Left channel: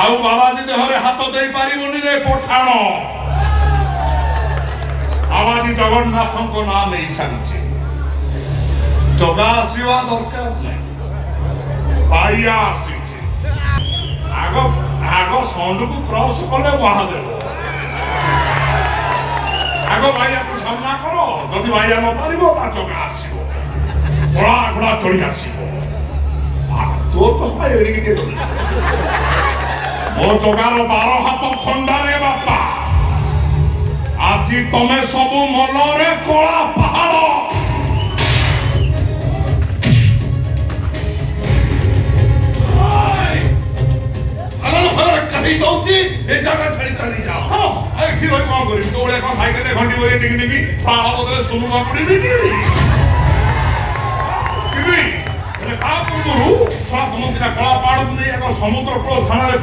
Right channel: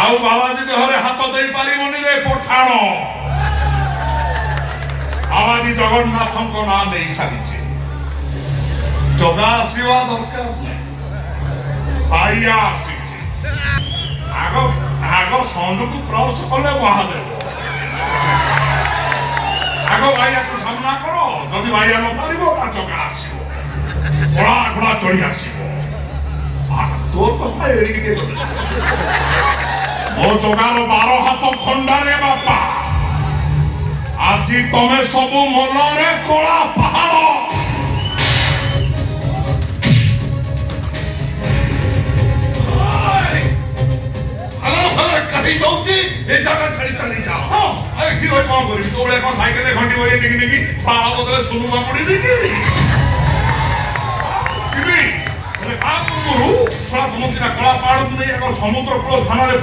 ଆଉ ବାବାଜୀ ଦେହରେ ହାତ ଦେଇ ପାରିବନି ରେ ପଠାଣ। ବାବାଜୀ ଜଗନ୍ନାଥଙ୍କ ନାଁ ନେଇ ସାରିଛି। ଜଗା ଆସିବା ଦରକାର ନାହିଁ, ବାଇଆ ଆସିଛି। ଆଗ ଷଣ୍ଢକୁ କ୍ରସ କଲେ ମହାଦେବ। ଆଗ ବାଇଆକୁ ସାମ୍ନା କର, ଯଦି ବାଇଆ ନ ପାରିବ ତା ଜଗା ଆସିବ, ଘୋଡ଼ା ଘୋଡ଼ା ଚଢି ଆସିବ। ତୋର ତ ସବାଇ ଏଡ଼ିକି ଟିକେ ଧରିଛି। ମୋ ଜଗାର 12 ହାତ ଖଣ୍ଡାରେ ବାପା, ଆଜି ତମେ ସବୁ ମନରେ କଳା ପାହାଡ଼। कहीं दौची ए जगह छाड़ी चली जाओ। हां अरे की होई कोन करी तो ओले कोन साइकिल घंटी बजे टिकी टिकी पाला बदले सुनु ना पड़ी नी किबी एले का करबो छड़ा समुद्र कला पाड़ नै एक समुद्र को थाना रे